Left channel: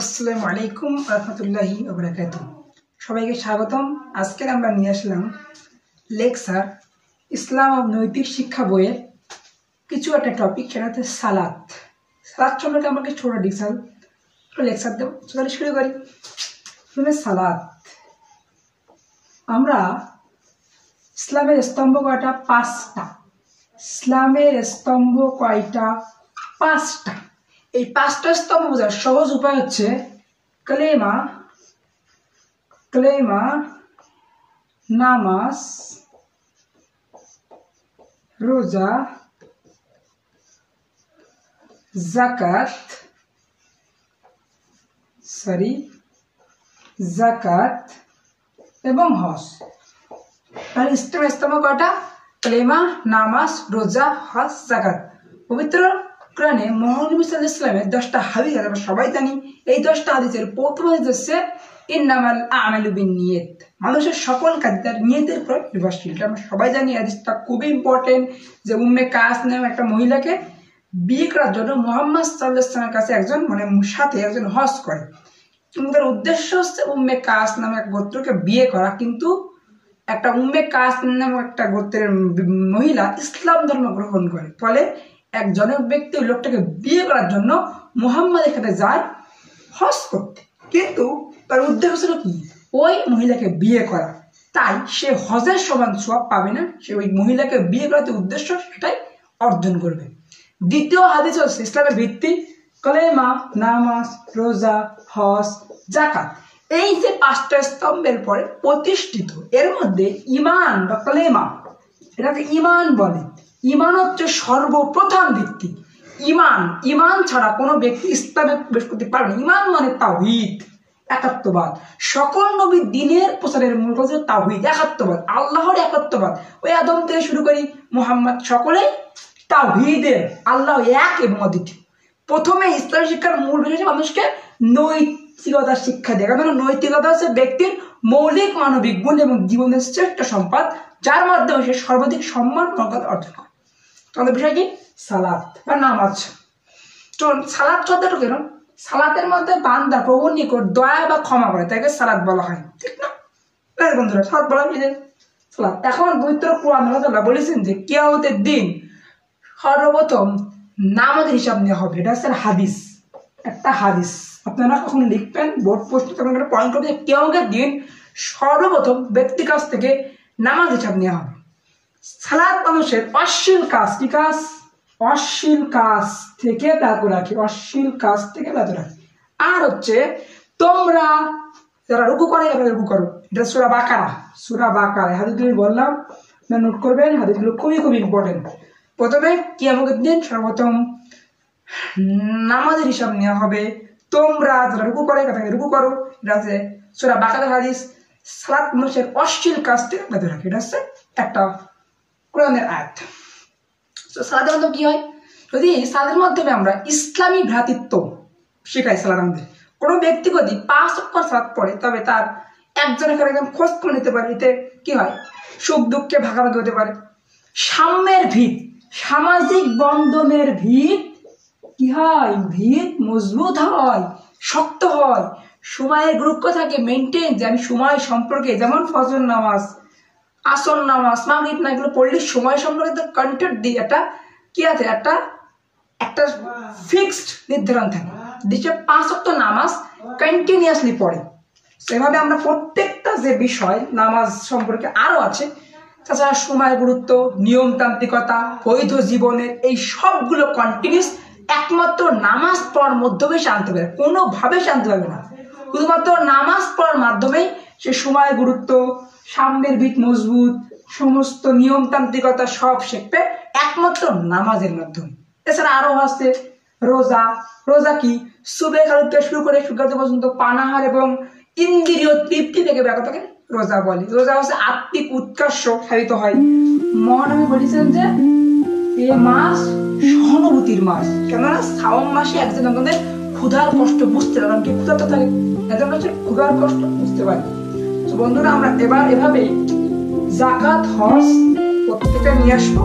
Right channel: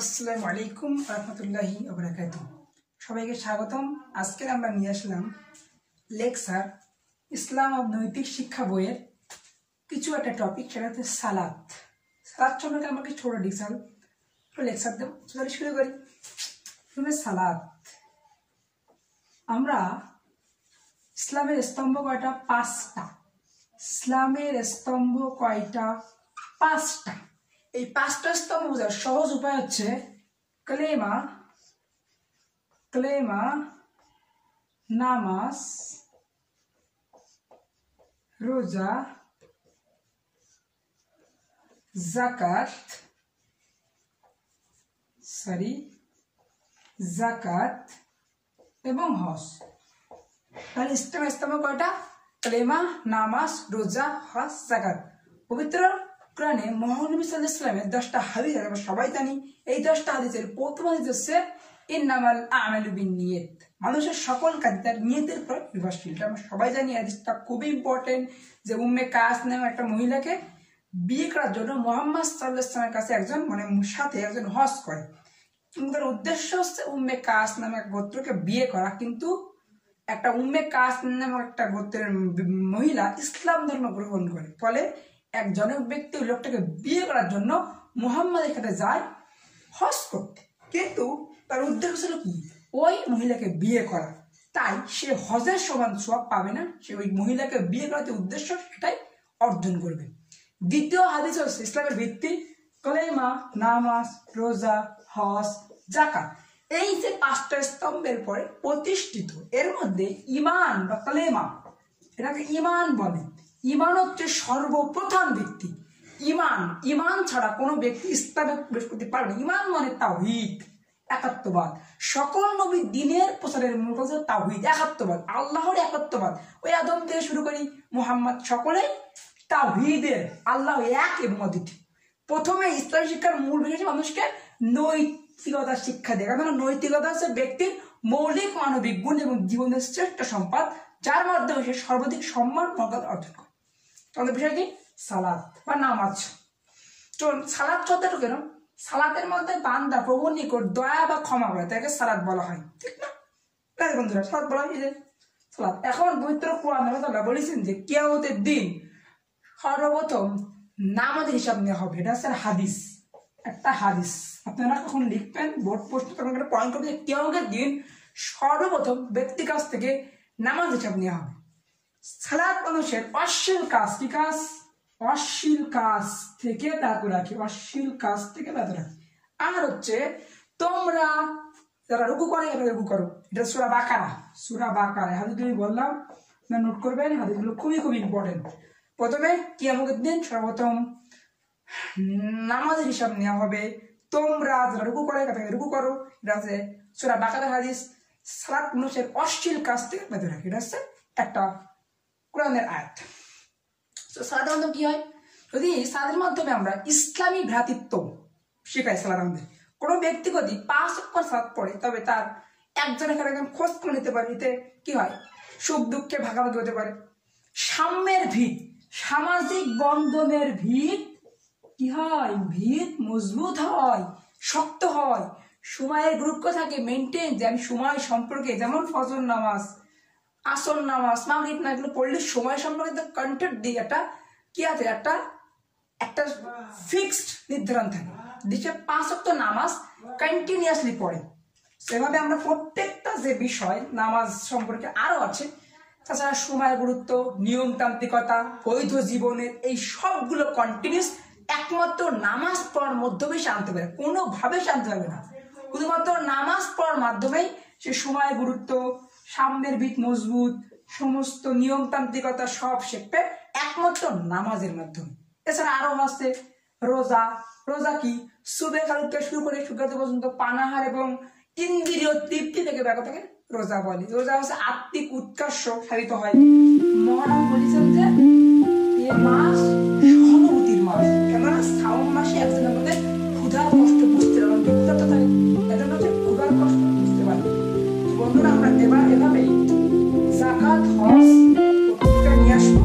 আসসালামু আলাইকুম রহমতুল্লাহি ওয়া বারাকাতুহু। সবাইকে স্বাগতম। আজকে আমরা নিয়ে আসলাম লেকচার ইসলাম ও নৈতিক শিক্ষা বইয়ের কিছু একটা টপিক, সেটা হচ্ছে সালাত। সালাত সম্পর্কে আমাকে ছোট ডিটেইল লেকচার দেব। চলো শুরু করি। প্রথমে সালাত। আমরা ইসলামের স্তম্ভ কয়টা? পাঁচটা। ইসলামের স্তম্ভ কয়টা? পাঁচটা। এই পাঁচটা স্তম্ভ বোঝার সহজ উপায় হচ্ছে কালেমা, নামাজ, রোজা, যাকাত এবং হজ। তাহলে ইসলামের স্তম্ভ কয়টা? কালেমা, নামাজ, রোজা, হজ, যাকাত। পবিত্র কোরআনে মহানবী সাল্লাল্লাহু আলাইহি ওয়াসাল্লামের 10টা হাদিস আছে, আমরা সবাই জানি। এই 10টা হাদিসের প্রথম হাদিস হচ্ছে ইন্নামাল আমালু বিন্নিয়াত, মানুষের সকল কাজ তার নিয়তের উপর নির্ভরশীল। আমরা সবাই জানি হাদিসটা খুবই ইম্পর্টেন্ট, যে উম্মে কাস নামে একটা মহিলাকে বিয়ে করার জন্য মুহাম্মদ সাল্লাল্লাহু আলাইহি ওয়াসাল্লামের কাছে একজন হজ করে, কিন্তু তার উদ্দেশ্য হচ্ছে উম্মে কাস নামে এক গোত্রকে বিয়ে করা। কিন্তু একটা উম্মে কাস নামে একটা গোত্রের মহিলা ইসলাম ধর্ম গ্রহণ করে, ফলে এক জনক ব্যক্তি ওই লোকটাকে বিয়ে করার জন্য মুহাম্মাদের সাথে যায় হজ করতে, কিন্তু তার উদ্দেশ্য ছিল কি? ওই মহিলাকে বিয়ে করা। তাই সে হজের সমান সওয়াব পাবে না, সে ওই মহিলাকে বিয়ে করাতে উদ্দেশ্য সেটাই অর্জন করবে। দ্বিতীয় হাদিস হচ্ছে ইসলামের ভিত্তি কালেমা, নামাজ, রোজা, হজ, যাকাত। এই যে পাঁচটা স্তম্ভের পরে প্রতিষ্ঠিত, এর মধ্যে ঈমান বা কালেমা, এটাকে ঈমান বলে। ঈমান হচ্ছে সর্বপ্রথম ভিত্তি। ঈমান ছাড়া কোনো ব্যক্তি ইসলামে প্রবেশ করতে পারবে না। ঈমান মানে তাওহীদ, একাত্মবাদ। সকল নবীর দ্বীনের প্রচারের মূল কথা তাওহীদ, একাত্মবাদ, আল্লাহর একাত্মবাদ। ওই আদম থেকে শুরু করি মুহাম্মদ, সকলেই তাওহীদের, আল্লাহ এক এবং অদ্বিতীয়। প্রথমে ইসলাম শিক্ষার মূল বিষয় মানুষকে নৈতিকতার শিক্ষা দেয়, কারণ নৈতিকতা হচ্ছে ব্যক্তির মৌলিক মানবিক গুণ এবং জীবনের শ্রেষ্ঠ সম্পদ, যার মাধ্যমে সে সর্বাধিক সম্মান মর্যাদা অর্জন করে। আমাদের বিষয় কি? সালাত বা নামাজ। চলুন, সালাত শব্দটা কেন? সালাতের মধ্যে বান্দা প্রভুর নিকট দয়া বা ক্ষমা করে, তাকে সালাত বলা হয়, ঠিক না? বন্ধুরা, সালাত বলা হয় সালাত। এখন পবিত্র কোরআন আল্লাহ বলেছেন যে কিয়ামতের দিন সর্বপ্রথম নামাজের হিসাব নেওয়া হবে। এটা হচ্ছে হাদিস, একটা হাদিস। আপনারা কখন লিখবেন, বোর্ড পোস্টে তখন একটা পয়েন্ট করবেন যে কিয়ামতের দিন সর্বপ্রথম ব্যক্তির কাছ থেকে নামাজ হিসাব নেওয়া হবে। সালাত মানুষের অশ্লীল কাজ, কি কাজ? অশ্লীল কাজ থেকে বিরত রাখে, আর হচ্ছে তোমরা যারা রুকু করে রুকু করো। এটা সূরা বাকারা হাদিস তুমি বললাম, নোট করবেন, হাদিসগুলো খুবই ইম্পর্টেন্ট। প্রথমে কিয়ামতের দিন সর্বপ্রথম নামাজের হিসাব নেওয়া হবে। তোমরা যারা রুকু করে রুকু করো, এটা হচ্ছে সূরা বাকারার হাদিস। সালাত মানুষের অশ্লীল কাজ থেকে বিরত রাখে, এটা হচ্ছে একটা কোরআনের আয়াত। সালাতের মাধ্যমে কি হয়? যদি সালাতের মাধ্যমে আমরা ইসলামী ভ্রাতৃত্ব শেখাই, সালাত আমাদের কোনো ব্যক্তি যদি 5 ওয়াক্ত সালাত পড়ে, তবে তার একজনের একদম খোঁজ করে নিতে পারে। এতে কি হয়? সুখ দুঃখে ভাগাভাগি হতে পারে। সাম্যের ভিত, সামাজিক বন্ধনের ভিত কি হয়? ভিত মজবুত হয়, শক্ত হয়। সময়ের গুরুত্ব থাকে মেনটেন, যে আমি সময় সম্পর্কে, যেমন ফজর নামাজ, আসর নামাজ, মাগরিব না, এগুলো পড়লে সময় সম্পর্কে কন্টেন্ট দিই, একটা কি আছে, একটা ফিক্সড নির্ধারণ থাকে। দেশে 5 ওয়াক্ত নামাজ কন্টিনিউয়াসলি পড়ে। সেভাবে আমরা প্রত্যেকটা যে বিষয় নামাজ সম্পর্কে আরো আছে, তাছাড়া সময়ের গুরুত্ব, নিয়মতান্ত্রিকতা, বৈধ জীবনের, এই সবগুলো কন্টিনিউস একমাত্র নামাজ পড়ার মাধ্যমে সে আনতে পারে, কোনোভাবে সে আনতে পারবে না। শুধুমাত্র নামাজ পড়ার মাধ্যমেই সে সময়ের গুরুত্ব, সাম্যের ভিত মজবুত, সমস্ত নিয়মতান্ত্রিকতা সব শিখবে একমাত্র নামাজের মাধ্যমে। এছাড়া আরো আছে রোজা কি? সুবহে খালু থেকে শুরু করে সূর্যোদয় পর্যন্ত পানাহার এবং ইন্দ্রিয় তৃপ্তি থেকে ব্যাপারটাকে রোজা বলে। রোজা হচ্ছে আত্মিক উৎকর্ষ সাধিত হয়। মহানবী বলেছেন যে এ মাস সহানুভূতির মাস, কেননা শ্রাবণ মাসে একজন আমাদের ক্ষুধার কষ্ট বুঝতে পারে, ক্ষুধার্ত থাকে, এজন্য হচ্ছে ক্ষুধার কষ্ট বুঝতে পারে। বন্ধুরা, আমরা এবার এভাবে যাকাত, হজ প্রত্যেকটা নিয়ে আসবো।